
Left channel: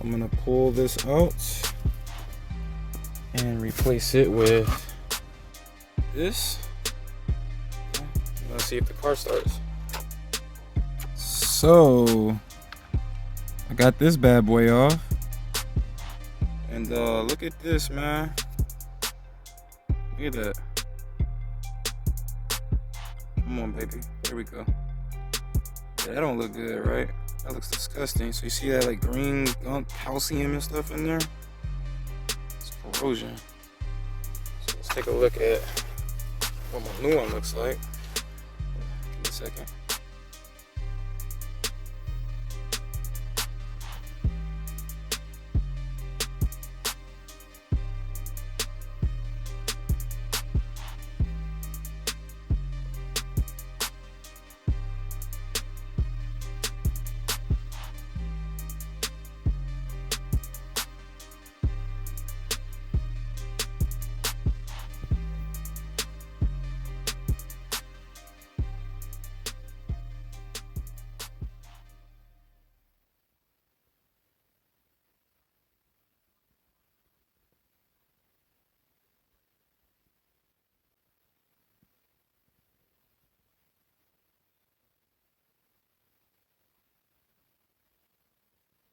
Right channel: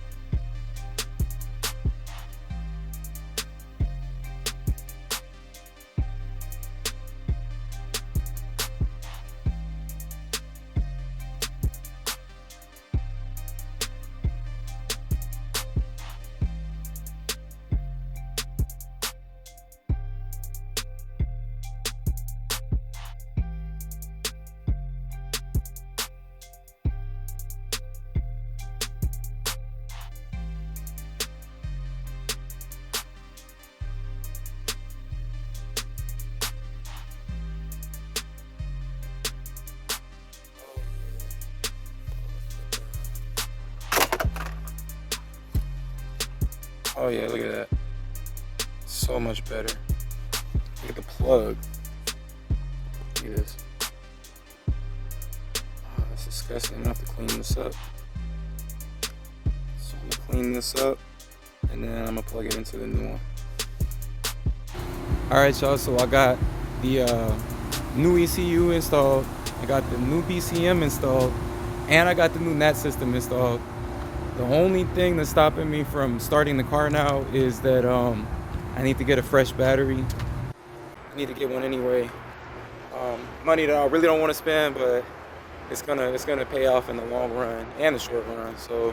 I'm gonna pull this out and replace it with this. Let's see if the car starts. So I got this bad boy off, and look at this, man. Look at that. Come on, baby. There we go. Yeah, that don't look good, right? That looks disgusting. So you see that like green gunk calcium and stuff in there? It's corrosion. So let's take a look at what my new one looks like. Give me a second. Oh yeah, look at that. So much better. Look at the plug. Look at this. Oh, that's disgusting. I have to clean this up. So I'm gonna clean this up, and then I'm gonna plug it into the new one. Alright y'all, so I got the new ECU installed, I got the new BCM installed, and I got the new NAT system installed. The only thing that's stopping me from starting the car now is that I need to get a fresh battery. I need to get one anyway. Money that I really don't want to spend, but it's gonna pay off in the long run and the short run. So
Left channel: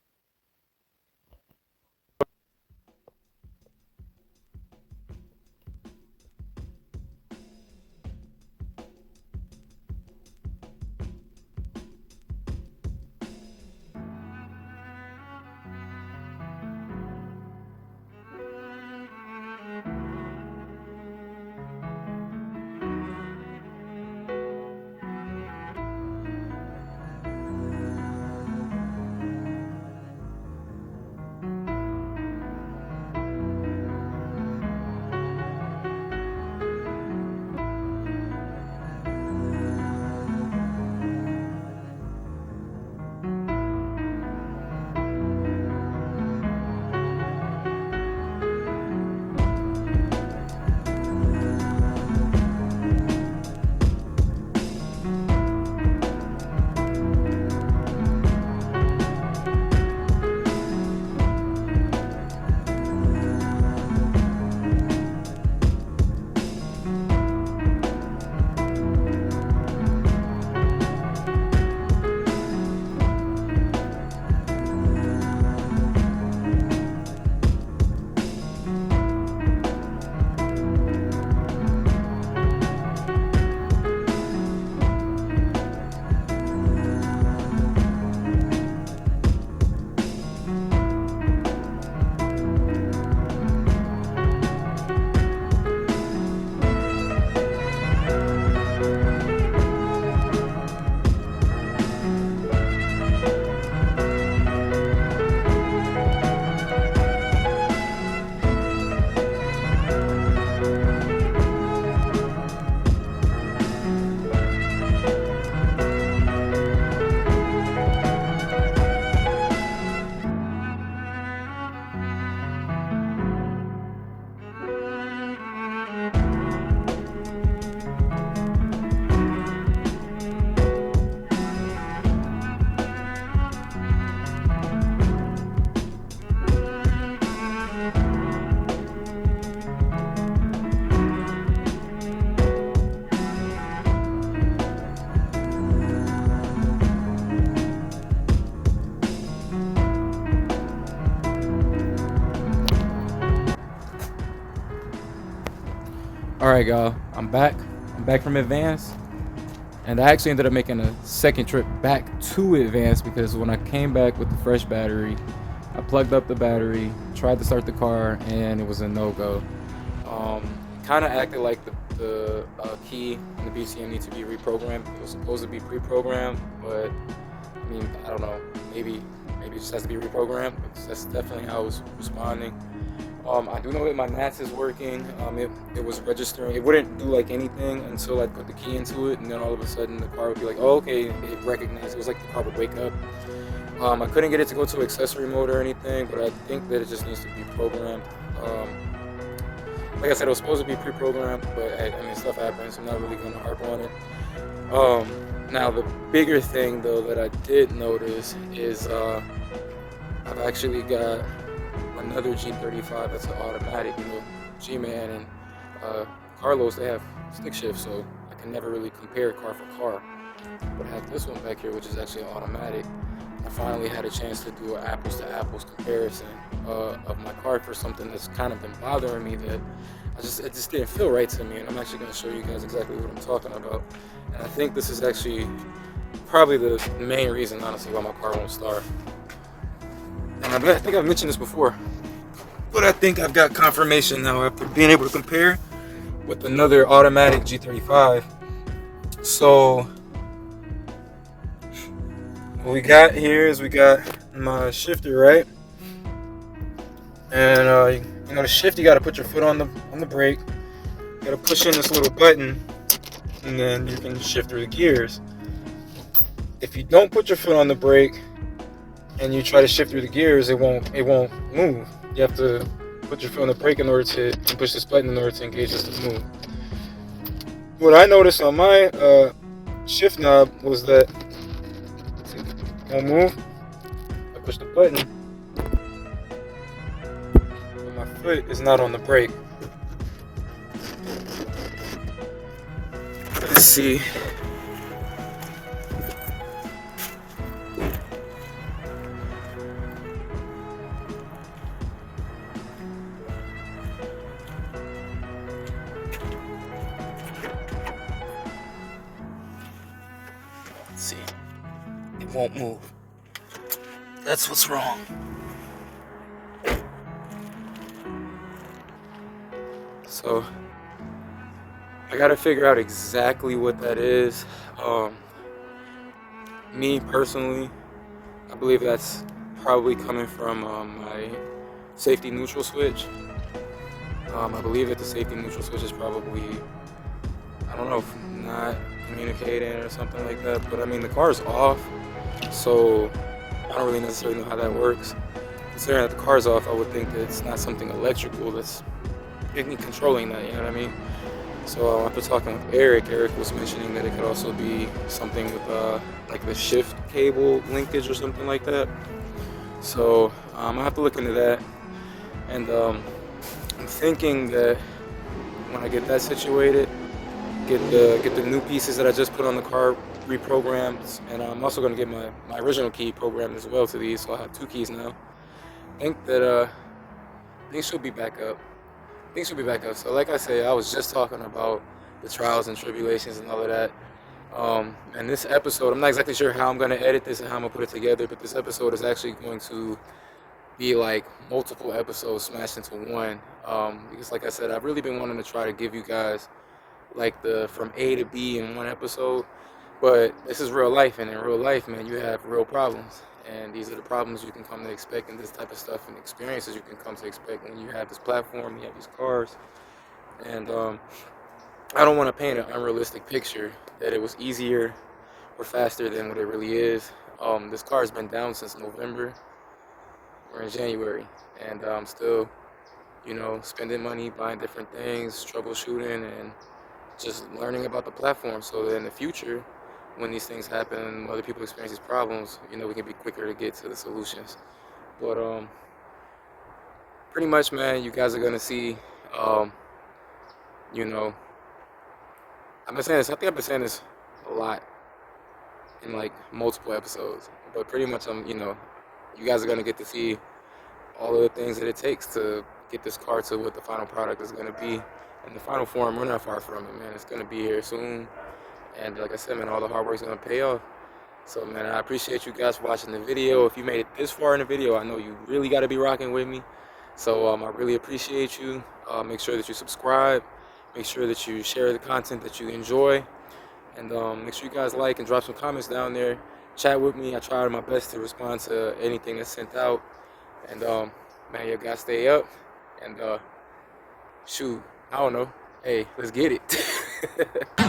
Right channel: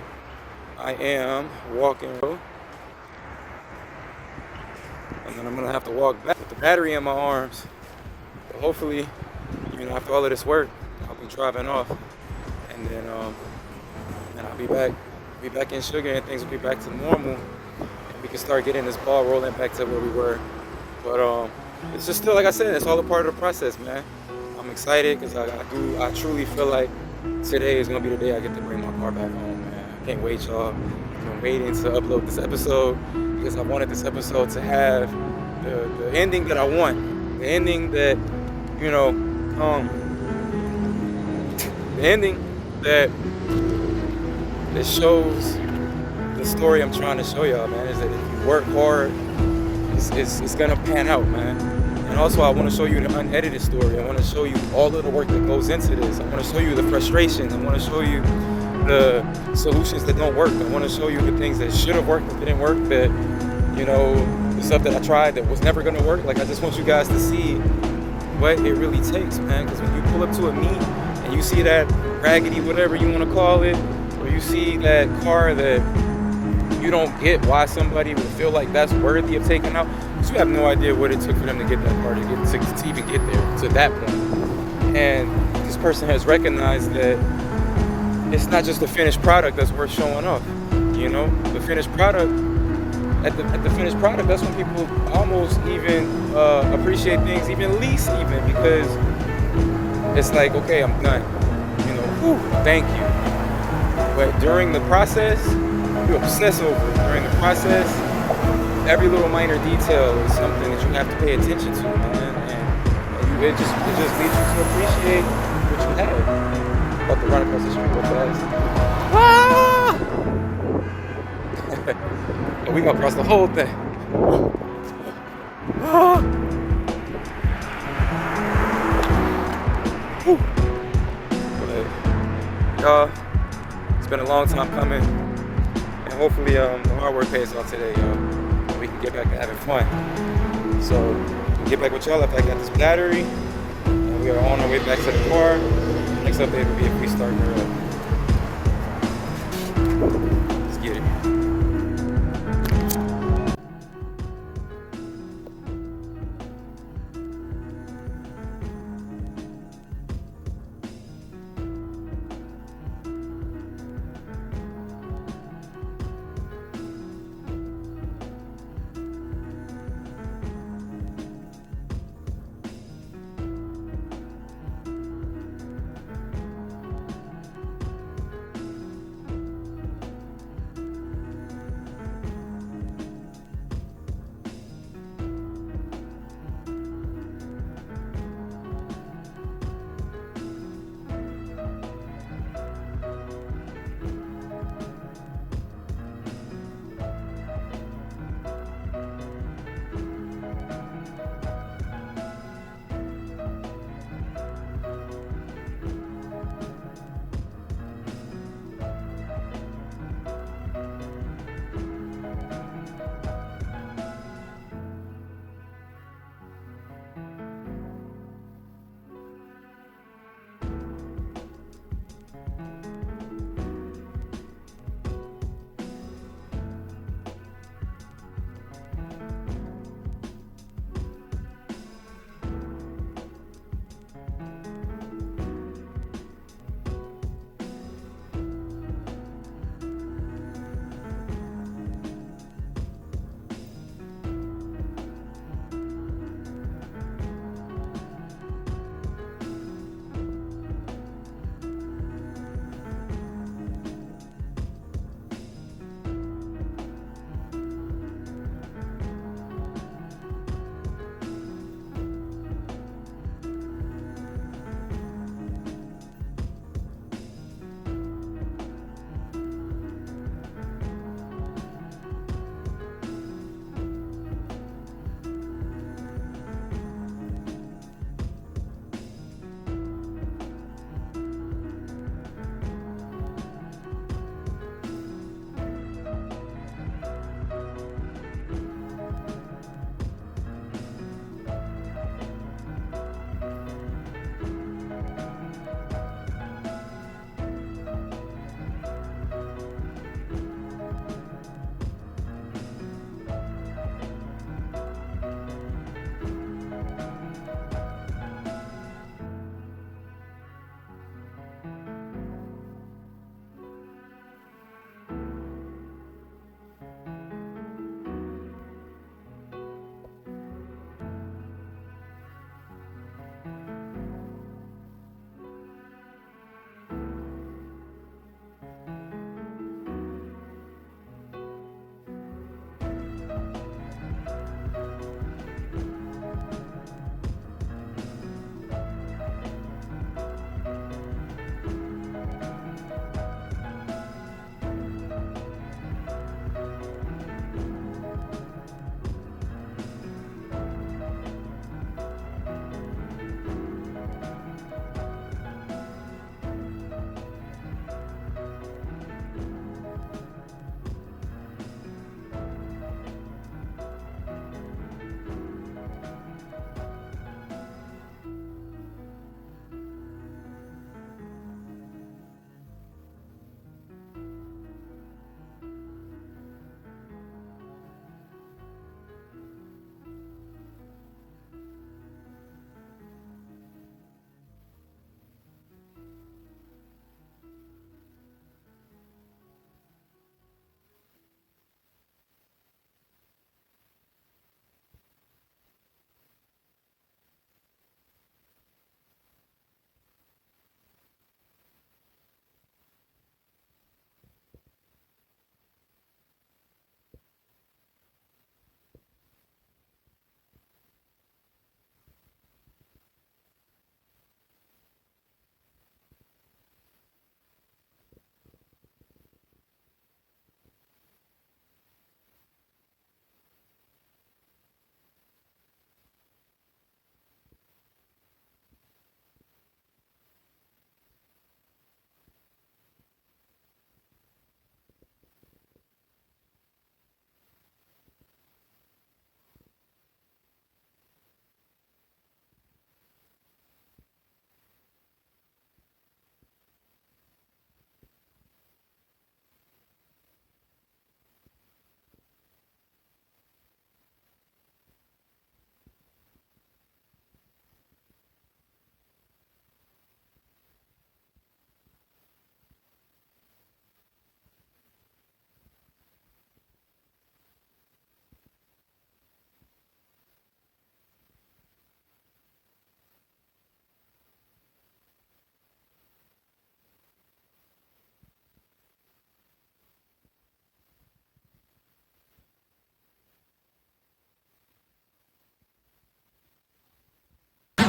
I am walking, and then I'm gonna have to walk back with the battery in my arms. But hopefully, you know, after all of this work, I'll be driving off, and then I'll be back in sugar, and things will be back to normal, and we can start getting this ball rolling back to where we were. But it's just still, like I said, it's all a part of the process, man. I'm excited because I truly feel like today is gonna be the day I get to bring my car back home, man. I can't wait, y'all. I've been waiting to upload this episode because I wanted this episode to have the ending that I want, the ending that, you know, the ending that shows the story I'm trying to show y'all, man. Is that if you work hard, it's gonna pan out, man. And also, I want to show you the unedited story. I want to show you all of the work that goes into this. I want to show you the frustration. I want to show you the solutions that don't work. I want to show you the things that should have worked that didn't work, that, you know, the stuff that I tried that was never gonna work. Like, I just want you guys to see what it really takes, man. Because when you pull up to a meet and you see that raggedy, whatever you want to call it, or you see that car that you don't get why somebody would feel like that's worthy of taking out, because you have no idea what it took for them to get in the car to even get there to that point. And this person has recognized that it's not just the finished product that's worth showing off. You know, the finished product, at the finished product, that's when people almost even appreciate things even least, even, because it's like, okay, I'm done. You know, whew, thank you. But during the process, you obsess over it. During the process, every little minor detail is something that you have to pay attention to, man. And it just leads you to appreciate what you have. About to run across the street with us. Ah! And we gonna cross the whole thing. Ah! Y'all, it's been a long time coming, and hopefully the hard work pays off today, y'all. We can get back to having fun. So, we'll get back with y'all after I got this battery, and we are on our way back to the car. Next update will be if we start her up. Let's get it. Alright, y'all, I'm back from Advance, and I actually ended up making a second trip back to Advance because when I came back with the fresh battery, I plugged up the battery, tried to start the car, and it was a no-go. Kind of acted like the key and the BCM need to be reprogrammed. It was supposed to be pre-programmed, but I mean, I don't know, maybe it just has to be reprogrammed. That's definitely how I was responding. I do know that my NATS is working. It was registering. It wouldn't do like anything until I put the key into it, and then all of a sudden the car would be like, oh, okay, it recognized. It was like the car would wake up. I couldn't get it to go to accessory mode or anything, but I think that it just needs to be programmed. Like I said, it was supposed to be pre-programmed, but I mean, stuff happens, so I'm not really going to harp on it. Now, the bigger thing, though, that I did notice is I've actually got another G35 that's an automatic, G-Man and Carlos, they have stick shift, so I can never really compare car for car. But I have this one back here, which is actually automatic. I finally had a chance to do an apples-to-apples comparison of my car for something that's kind of been bothering me that it just didn't feel right to me, and I'm actually going to show you guys exactly what I'm talking about. And I think this is actually probably the main reason, honestly, why my car won't start. And I think I've mentioned this before, but I think I've got confirmation now after being able to compare with another automatic G35. So what we got here is we got my shifter, right? And the shift, you got to put your foot on the brake. You got to push in this little button, and then you can shift through the gears. If you don't put your foot on the brake and you try to shift through the gears, it won't move. You have to put your foot on the brake in order to push this button in order to engage this to move. What I noticed on my shift knob was that it won't move. I push the button. My foot is not on the brake. Let's see. See, it won't move. That's what's wrong. So I gotta figure out exactly what that is. Me personally, I believe that's probably coming from my safety neutral switch. I believe that the safety neutral switch is probably, I don't know, if not communicating or something like that, but I mean the car's off, so I don't really necessarily know how that works. Considering that the car's off, I would think that it's not something electrical that's controlling that, you know what I mean? So after talking with Eric was mentioning that it could also be something with like the shift cable linkage or something like that. So I'll have to look into that, and I'm thinking that when I get that situated, get the new pieces that I just put on the car reprogrammed, and I'm also going to get my original key programmed as well to these, so I'll have two keys now. I think that things should be back up. So like I say, I was just talking about the trials and tribulations and all of that. And this episode, I'm not exactly sure how I'm going to edit this and how I'm going to put it together, but this episode is actually going to be like multiple episodes smashed into one. Because like I said, I've really been wanting to try to give you guys like the from A to B in one episode. But this is real life, and in real life, man, you have real problems. And these are the problems you can come to expect, and this type of stuff and experiences you can come to expect when you have this platform, you have these cars. And I don't want to paint an unrealistic picture that it was easier or faster than what it really is. This car has been down since November. We're in January, and I'm still, spending money, buying different things, troubleshooting, and just learning about the platform so that in the future, when these things happen, other people experience these problems, we can be quicker to get to the solutions. But pretty much, man, you guys are gonna see, I've been saying this. I think I've been saying this a lot in like multiple episodes. But pretty much, you guys are gonna get to see all of the things that it takes to get this car to what the final product is gonna be. in the final form. We're not far from it, man. It's gonna be here soon. And like I said, man, all the hard work's gonna pay off. So, man, I appreciate you guys for watching the video. If you made it this far in the video, I know you really got to be rocking with me. So, I really appreciate you. Make sure that you subscribe. Make sure that you share the content that you enjoy. And make sure you guys like and drop some comments down there. Chat with me. I try my best to respond to anything that's sent out. And, man, you guys stay up. And, shoot, I don't know. Hey, let's get it.